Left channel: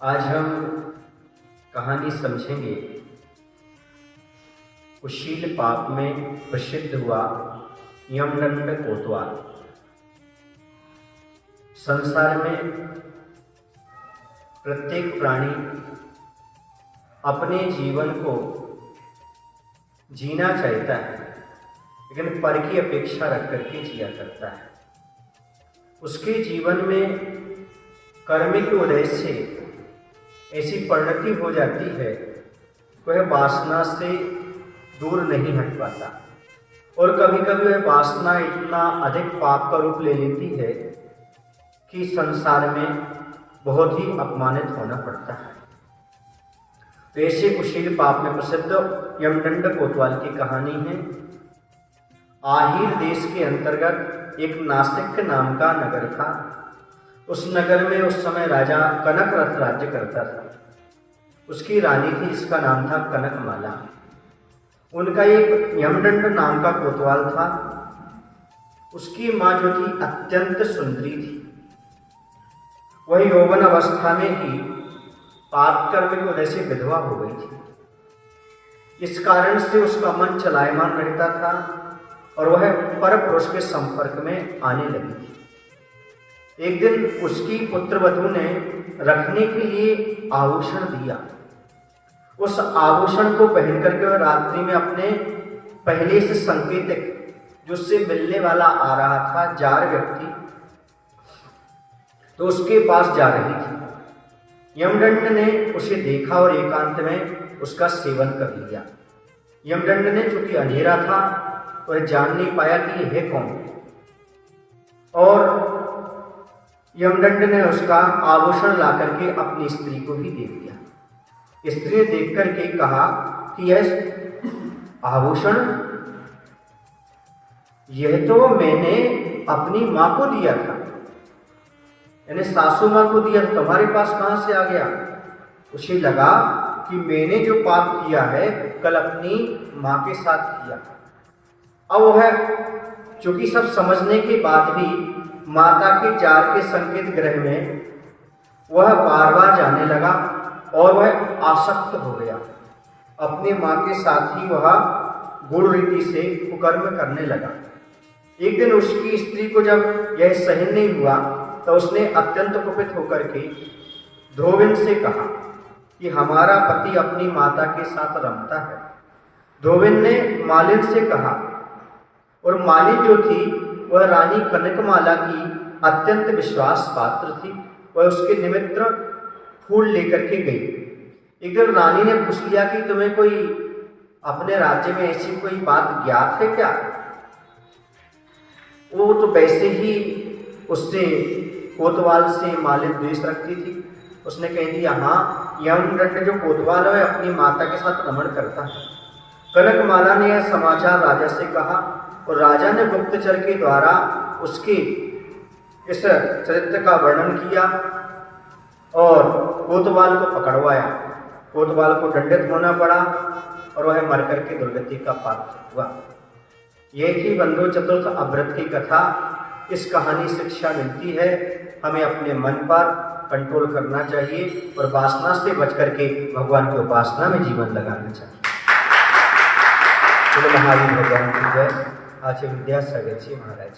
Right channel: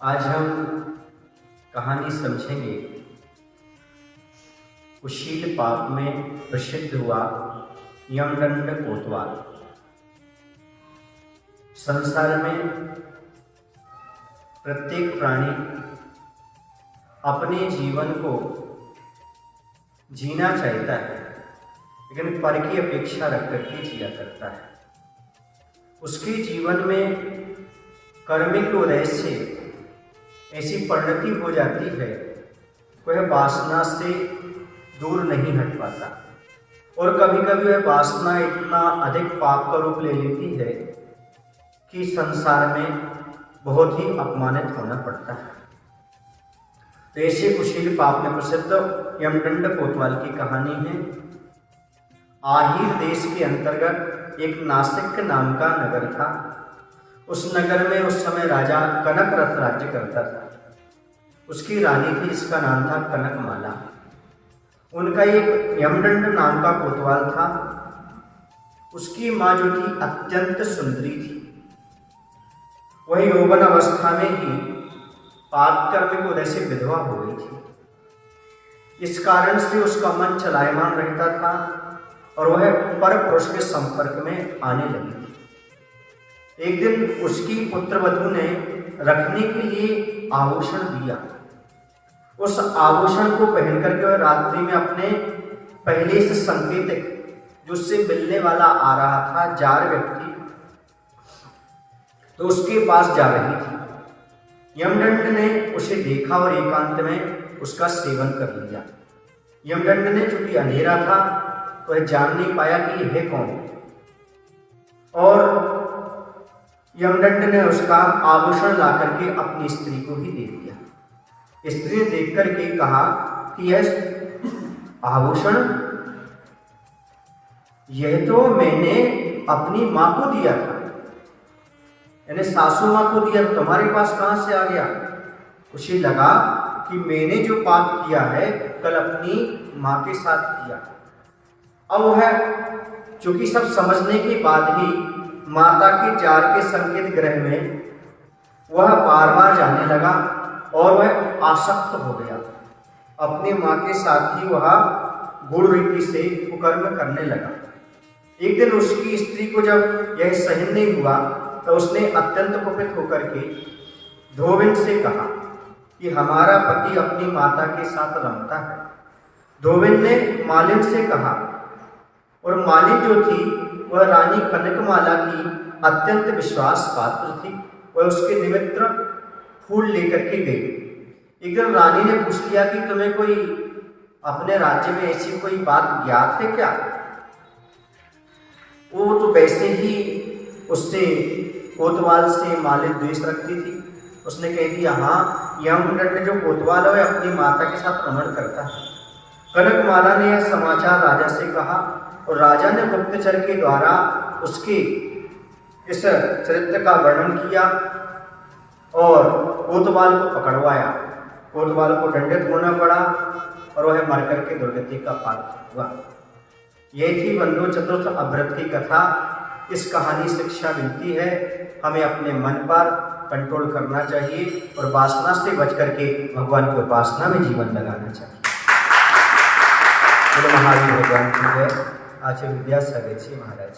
आज हम कहानी समझेंगे कुशील पाक में प्रसिद्ध हुआ यमदंड कोतवाल। संसार में प्रत्येक प्राणी अपने जीवन को जीना चाहता है, लेकिन पर की अपेक्षा रख करके जिया करता है। उसके जीवन में कर्म के उदय से ऐसी परिणति हो जाती है, वह वासना से दूर नहीं हट पाता और कभी कभी वह वासना इतना अधिक पाप का रूप ले लेती है कि संसार में बहुत ही अपमानित होना पड़ता है। तो ऐसे कुशील पाप में प्रसिद्ध यमदंड कोतवाल की कहानी है। आहिर देश के अंतर्गत एक नासिक नाम का नगर था। उस नगर में उस समय राजा कनकरथ राज्य करता था। उसकी रानी थी जिसका नाम था कनकमाला। उनका एक यमदंड नाम का कोतवाल था। उसकी माँ जो थी अत्यंत सुंदरी थी। वह यौवन अवस्था में ही पातकर्म के उदय से विधवा हो गई थी। इस कारण से उसका मन चलायमान रहता था और वह पर पुरुष के संपर्क में आने लगी थी। एक दिन उसकी पुत्रवधू ने रखने के लिए आभूषण दिया। उस आभूषण को पहन करके वह रात्रि में अपने पहले से संकेतक जो उससे मिलने वाला आ रहा था जार व्यक्ति, तो उसके पास जा रही थी। यमदंड ने उसे देखा और एकांत में उसका सेवन कर लिया। यमदंड ने चूंकि अंधेरा था वह जान नहीं पाया कि यह कौन है, और यमदंड ने उसका आभूषण ला करके अपनी स्त्री को ही दे दिया। स्त्री ने देख करके कहा कि यह आभूषण यह तो मैंने अपनी मां को दिया था, यानी सासू मां को दिया, तुम्हारे पास कहां से आ गया। उसे लगा कि मैंने जो पाप किया है कल अपनी मां के साथ किया। अब वह चूंकि सब समझने के बाद भी माता के जार के संकेत ग्रह में वह बार बार जाने लगा और वह आसक्त हो गया। अपनी मां के साथ ही वह गुण रीति से कुकर्म करने लगा। एक दिन उसकी स्त्री को जब यह सहन नहीं हुआ तो उसने अत्यंत कुपित होकर के धोबिन से कहा कि हमारा पति अपनी माता के साथ रमता है। धोबिन ने मालिन से कहा, और मालिन जो थी वह रानी कनकमाला की अत्यंत विश्वास पात्र थी। वह उसके निमित्त फूल लेकर के गई। एक दिन रानी ने पूछ लिया कि तुम्हें कोई अपने राज्य में ऐसी कोई बात ज्ञात है क्या। वो तो वैसे ही उससे कोतवाल से मालिन द्वेष रखती थी। उसने कह दिया, हाँ, यमदंड जो कोतवाल है अपनी माता के साथ रमण करता है। कनकमाला ने यह समाचार राजा से कहा और राजा ने गुप्तचर के द्वारा उसके इस चरित्र का वर्णन किया और कोतवाल को पकड़वाया। कोतवाल को दंडित होना पड़ा और वह मर करके दुर्गति का पात्र हुआ। यह थी बंधु चतुर्थ अभ्रत की कथा। इस कहानी से शिक्षा मिलती है, हमें अपने मन पर कंट्रोल करना चाहिए और वासना से बच करके भगवान की उपासना में जीवन लगाना चाहिए। महावीर भगवान की जय। आचार्य विद्यासागर जी महाराज।